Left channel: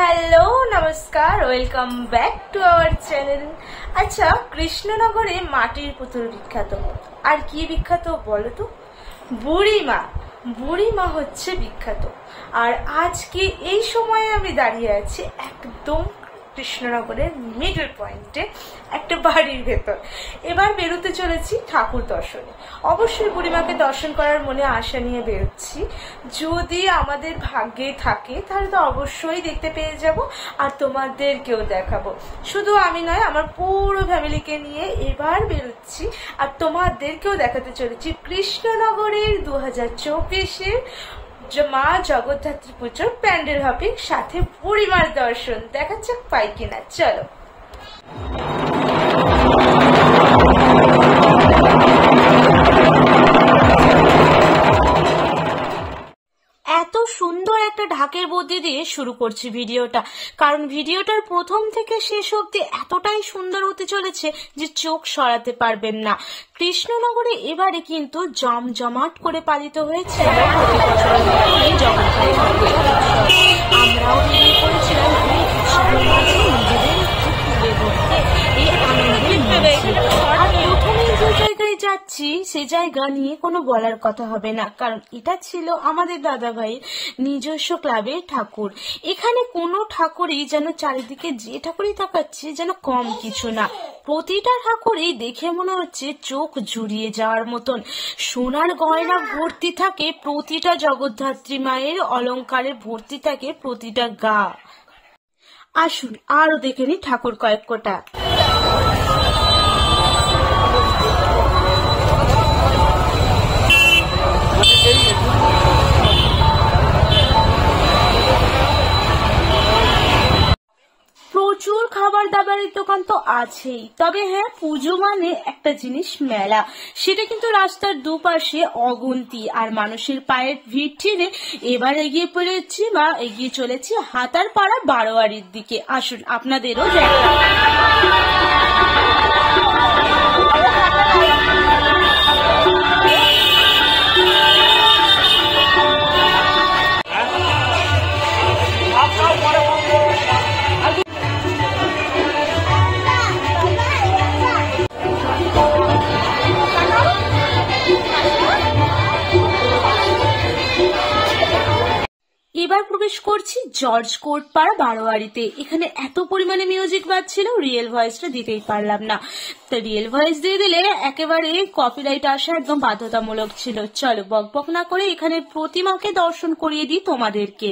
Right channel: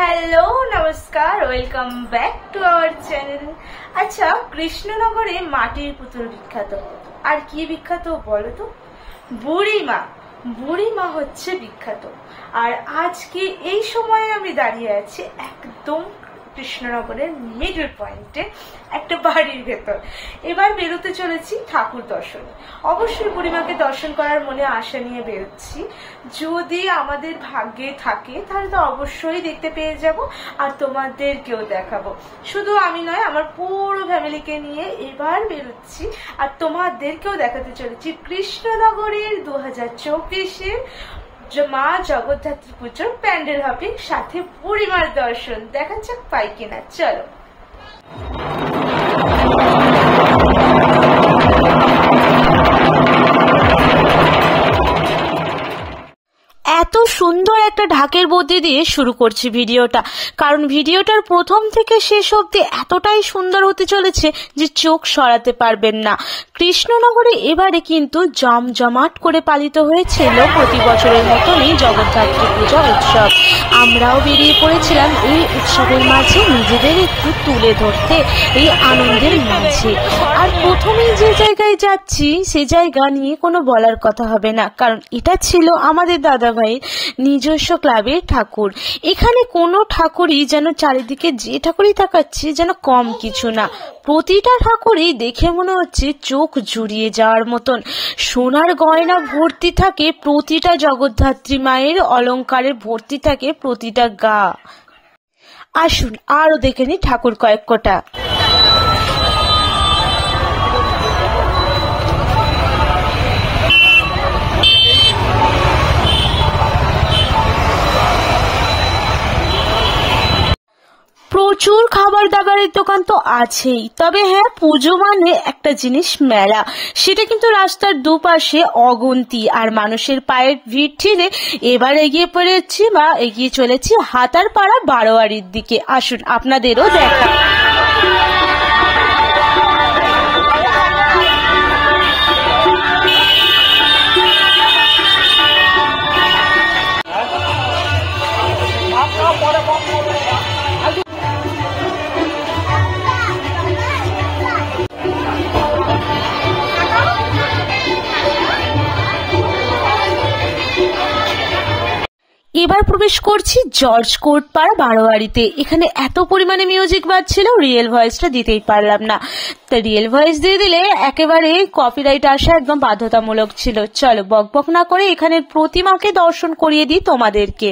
Hello নমস্কার, welcome back to our channel. আচ্ছা, কৃষ্ণনগরে মাটির পুতুল বিখ্যাত, আর কি বিখ্যাত বলো তো? বুড়িমা। বুড়িমা হচ্ছে বিখ্যাত। আর আজকে এই সময়ে আমি দাঁড়িয়ে আছি একদম কৃষ্ণনগরের মিডল পয়েন্টে একটা বাড়ির ভেতর। এবার বেরোতে চলেছি ঠাকুর দর্শনে। অবশ্যই বুড়িমাকে দর্শন করার মনে আশা নিয়ে বেরোচ্ছি। যদি আমাদের ভাগ্যে থাকে তাহলে তো অবশ্যই দেখতে পেয়ে যাব, আর তোমাদেরকেও দেখাবো। শুধু আমি নয়, আমার পুরো ফ্যামিলিকে নিয়ে এবার বেরোচ্ছি, আর তোমাদেরকেও দেখাতে চলেছি কৃষ্ণনগরের 2024-এর মা জগদ্ধাত্রী পুজোর প্যান্ডেল হপিং, সাথে বুড়িমার দর্শন। দেখা যাক পাই কিনা, চলো। এত সুন্দর একটা ঢাকের মধ্যে দিয়ে শুরু করছি ভিডিওটা, কারণ ভিডিওটার প্রথম থেকে শেষ অবধি এতটাই সুন্দর হতে চলেছে যে চোখ সরাতে পারবেন না। কৃষ্ণনগরে এবারে কিন্তু জমজমাট করে পালিত হয়েছিল প্রতি বছরের মতনই জগদ্ধাত্রী পূজা উৎসব। আমরাও বেরিয়ে পড়েছিলাম এই উৎসবের মাঝে নিজেদের একটু তুলে ধরতে, এই আনন্দের মাঝে। আর প্রথমেই যে জায়গায় যাচ্ছি সে জায়গা নিয়ে কোনো বলার কথা হবে না, কারণ এটা ছিল আমাদের দাদা ভাইয়ের নিজস্ব ক্লাবের ঠাকুর। এখানে কোনো ঠাকুরই যেন চারিদিকে যে ঠাকুরই তাকাচ্ছে যেন কম কিছু না। প্রতিটা ঠাকুরই দেখে মনে হচ্ছে চোখ জুড়িয়ে যাওয়ার মতন। সোনার গয়না ভর্তি থাকে প্রতিটা জগদ্ধাত্রী মায়ের, অলংকারে ভর্তি থাকে প্রতিটা গা। আসুন আরো দেখে নি ঠাকুর কয়েক কটা। প্রচুর খাবার দাবারের দোকান তো আছেই, তবে হ্যাঁ, পুজো মানে একটা জিনিস মেলা। সেটা কিন্তু রাস্তার দুপাশে অগুন্তি, আর মানুষের পায়ের ভিড় ঠেলে এবার এগিয়ে চলেছি হাতারপাড়া বারোয়ারির দিকে। আসুন আপনাদেরও দেখা। এবার প্রবেশ করছি জর্জ কোর্ট পাড়া বারোয়ারিতে। এখানে এত পরিমাণে মিউজিক বাজছিল, রিয়েল ভয়েসটা দিতেই পারলাম না। তা রিয়েল ভয়েস দিয়ে দিলে একেবারে কপিরাইট আসা একদম বাধ্যতামূলক ছিল। চলো বকবক না করে এখানের প্রতিমাকে দর্শন করিয়ে দিই তোমাদেরকে।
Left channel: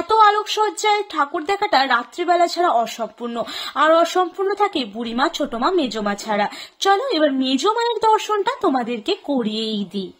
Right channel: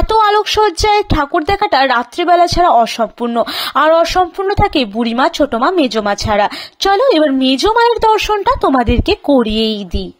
এত আলোকসজ্জায় ঠাকুর দেখাটা রাত্রিবেলা ছাড়া অসম্পূর্ণ, আর অসম্পূর্ণ থাকে বুড়িমা, ছোটমা, মেজমা ছাড়া। চলো এবার মেজো মায়ের দর্শনটা তোমাদেরকে করিয়েই দিই।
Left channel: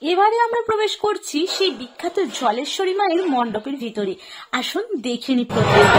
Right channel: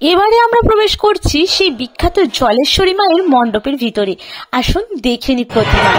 এবারে আমরা প্রবেশ করছি সেই বিখ্যাত জলেশ্বরী মায়ের মণ্ডপের ভিতরে। আসুন দেখে নি প্রতিমা।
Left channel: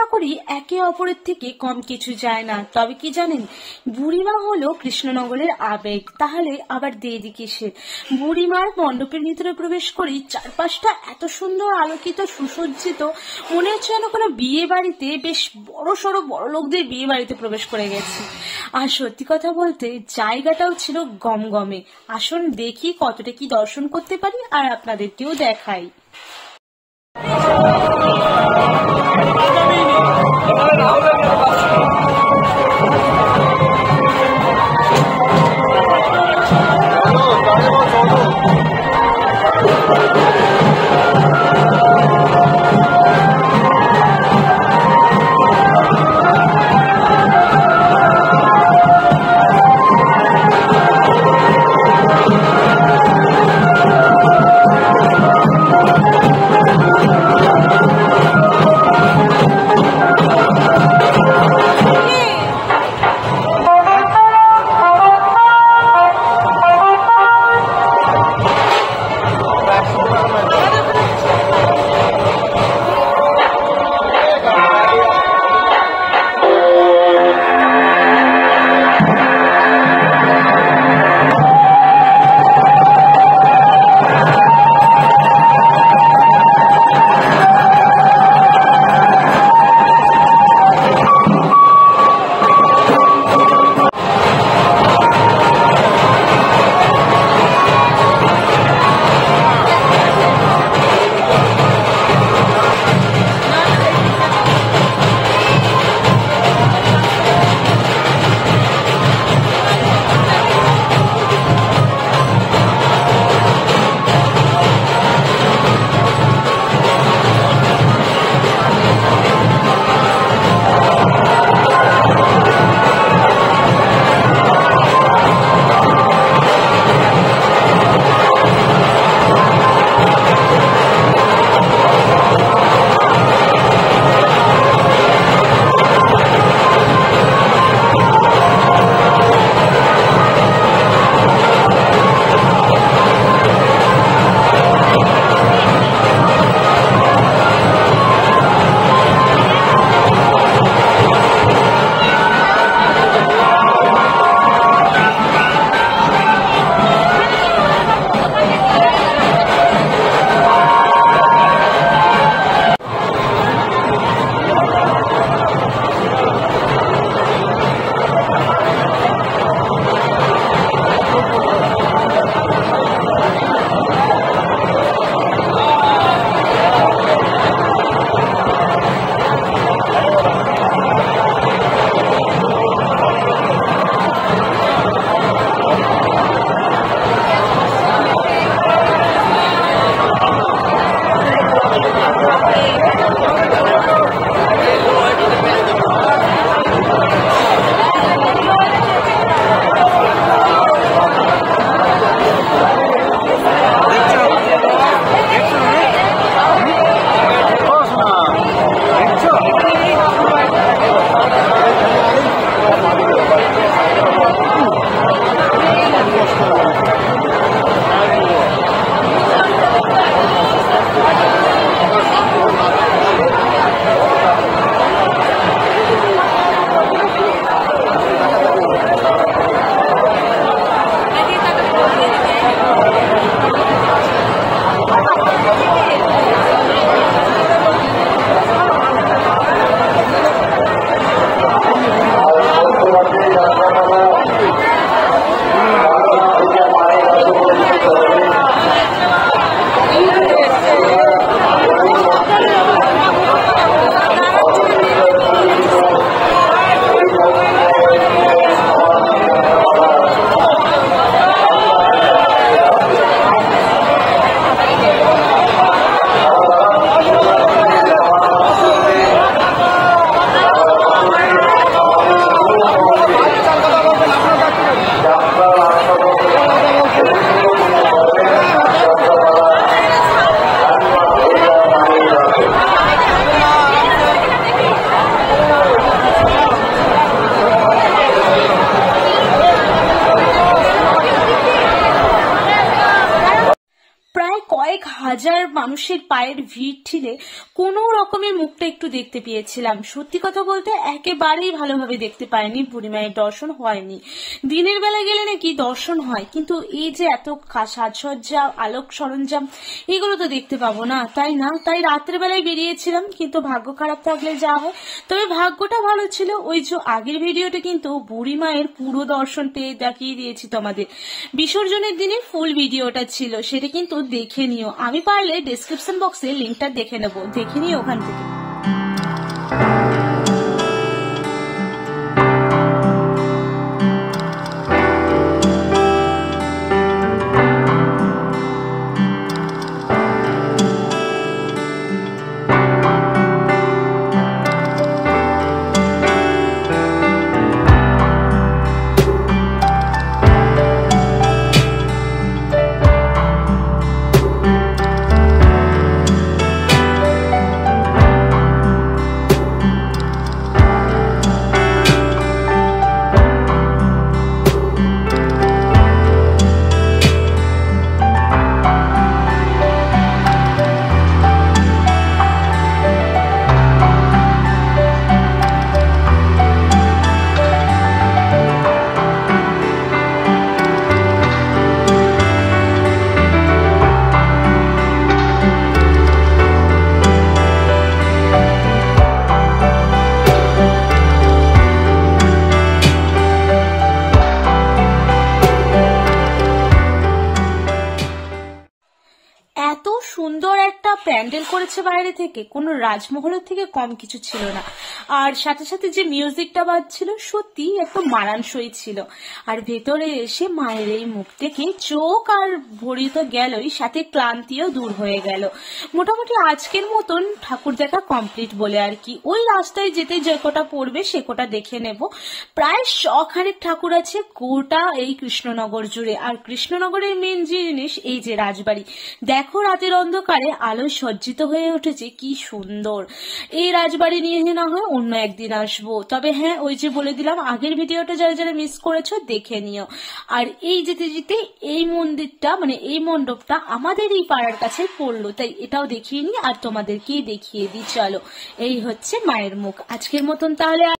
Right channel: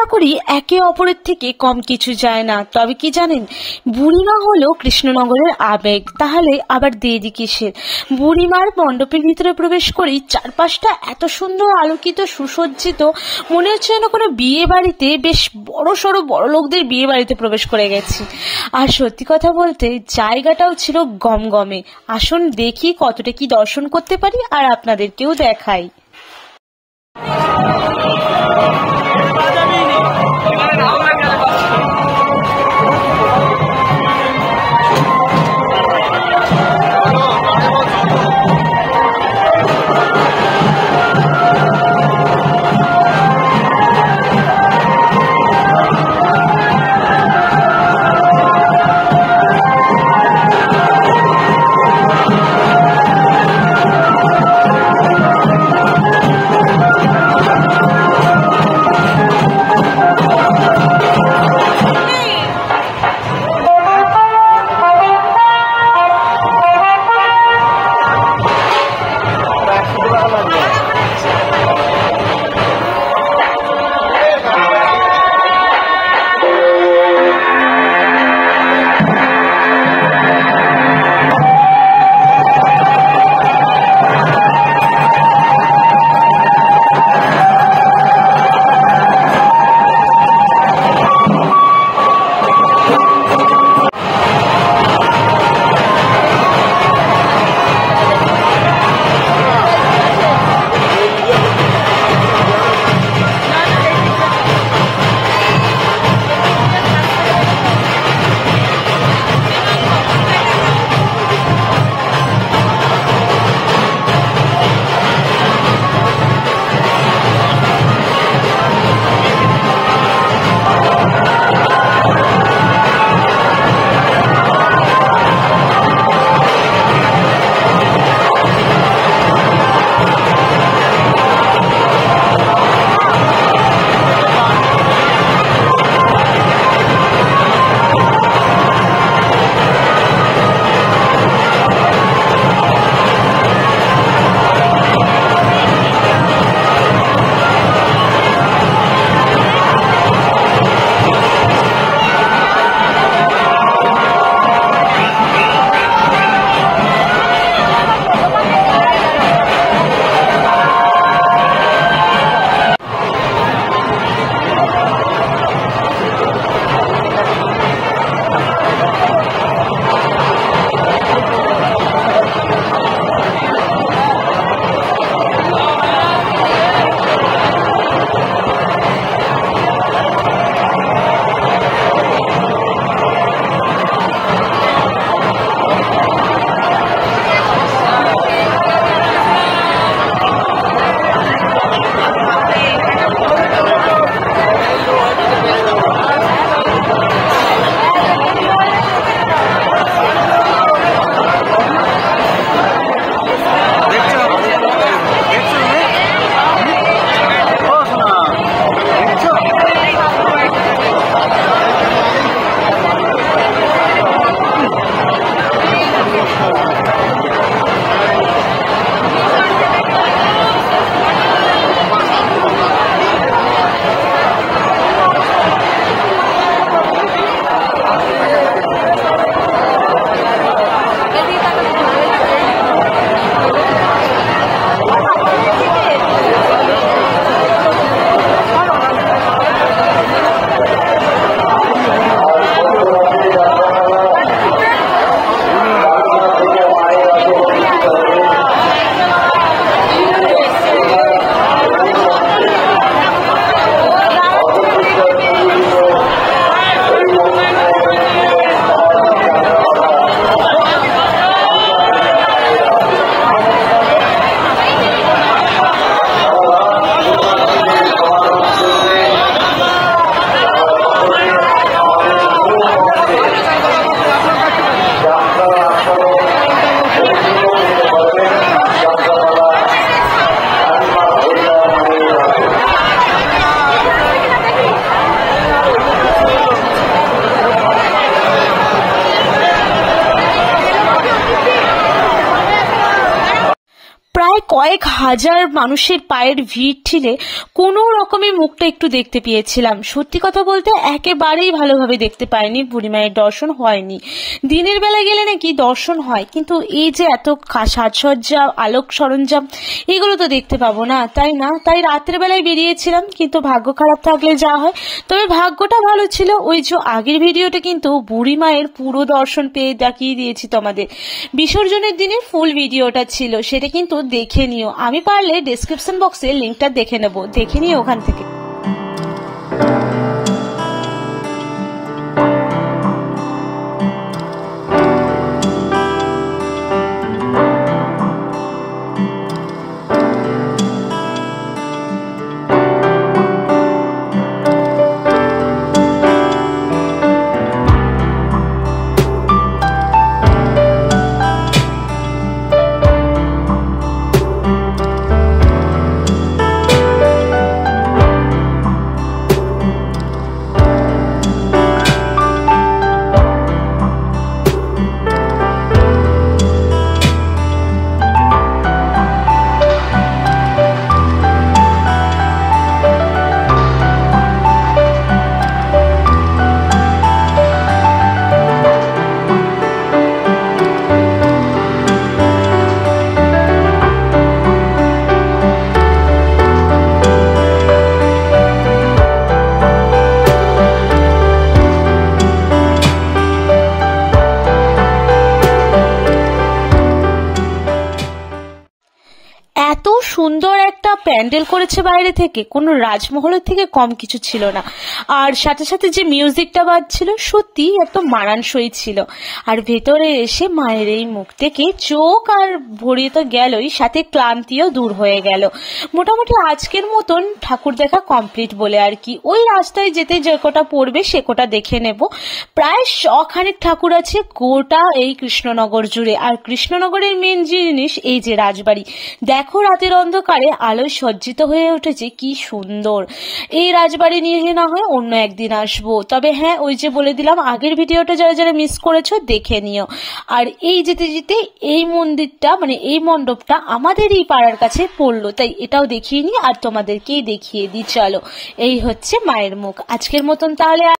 ঠাকুরই একে অপরের থেকে কম কিছু যায় না। তবে কি জানেন, বুড়িমা হলো কৃষ্ণনগরের আবেগ, তাহলে আবার দেরি কিসের? বুড়িমার মণ্ডপের ভিতরে প্রবেশ করেই চারপাশটা এত সুন্দর আলোকিত, সুসজ্জিত, মনে হচ্ছে যেন কোনো বিয়ে বাড়িতে, বেশ বড় সড়ো বড় লোকদের বিয়ে বাড়িতে প্রবেশ করে গেছি। আর সত্যি কথা বলতে জায়গাটাও ছিল গমগমে। আসুন দেখি কতটা কি দর্শন করতে পারি আর আপনাদেরকেও দেখাই। কয়েক হাজার মানুষের পায়ের ভিড় ঠেলে কোনো রকমে মুখটা একটু দেখতে পেয়েছিলাম। সত্যি কথা বলতে একেবারেই ভালোভাবে দেখতে পাইনি, বুড়িমায়ের দর্শন হয়নি। দিনের বেলা গেলে নাকি দর্শন হয়, কিন্তু এই যে এত সাজসজ্জা, আলোক সরঞ্জাম, এগুলো তো দেখতে পাবো না, তাই না? তাই রাতের বেলায় বেরিয়েছিলাম, কিন্তু ভাগ্য খারাপ থাকলে যা হয়। তবে ভাগ্যটা ভালো ছিল, ওই যে আগের ভিডিওটা কিন্তু বুড়িমায়ের পুরো দর্শন পেয়ে দেখিয়ে দিয়েছি তোমাদের। বিসর্জনের দিনে ফুল ভিডিওটা ছিল, সেটা কিন্তু দেখে নিও। আমি পারলে ডেসক্রিপশন বক্সে লিঙ্কটা দেখে নেব, দেখে নিও ওখান থেকে। এত সুন্দর একটা প্যান্ডেল করেছে বাইরে থেকে, কোনো রাজমহলের থেকে কম কিছু ছিল না। আর সাথে সাথে যে মিউজিকটা বাজছিল সত্যি একদম মানানসই ছিল। আর ভেতরে এসে মায়ের এই মুখ থেকে চোখ আর ভরিয়ে তো গেলই, সাথে ক্লান্তিও দূর হয়ে গেল। মোটামুটি আজকের মতন ঠাকুর দেখা কমপ্লিট বলে আর কি। ওই রাস্তায় যেতে যে কটা পড়বে সে কটা দেখে নেব। প্রায় শখানেক ঠাকুর আছে গোটা এই কৃষ্ণনগর জুড়ে। আর কৃষ্ণনগরের মেন জিনিস এই যে রাজবাড়ি, দেখো রাতের অন্ধকারে আলোয় সজ্জিত হয়ে উঠেছে, কি সুন্দর। এই রাজবাড়ি নিয়ে না হয় অন্য একদিন আসবো। তবে হ্যাঁ, ওই যে বলে দিলাম, আগের ভিডিওটা যারা যারা মিস করেছো দেখে নিও। আর এই যেতে যেতে এই মন্দিরটা, মানে এই মণ্ডপটা আমাদের এই পাড়ার কাছে পড়লো, তাই এটাও দেখিয়ে নিই আর তোমাদেরকেই দেখিয়ে দিই। চলো, এই হচ্ছে মায়ের মুখ। আজকের মতন তাহলে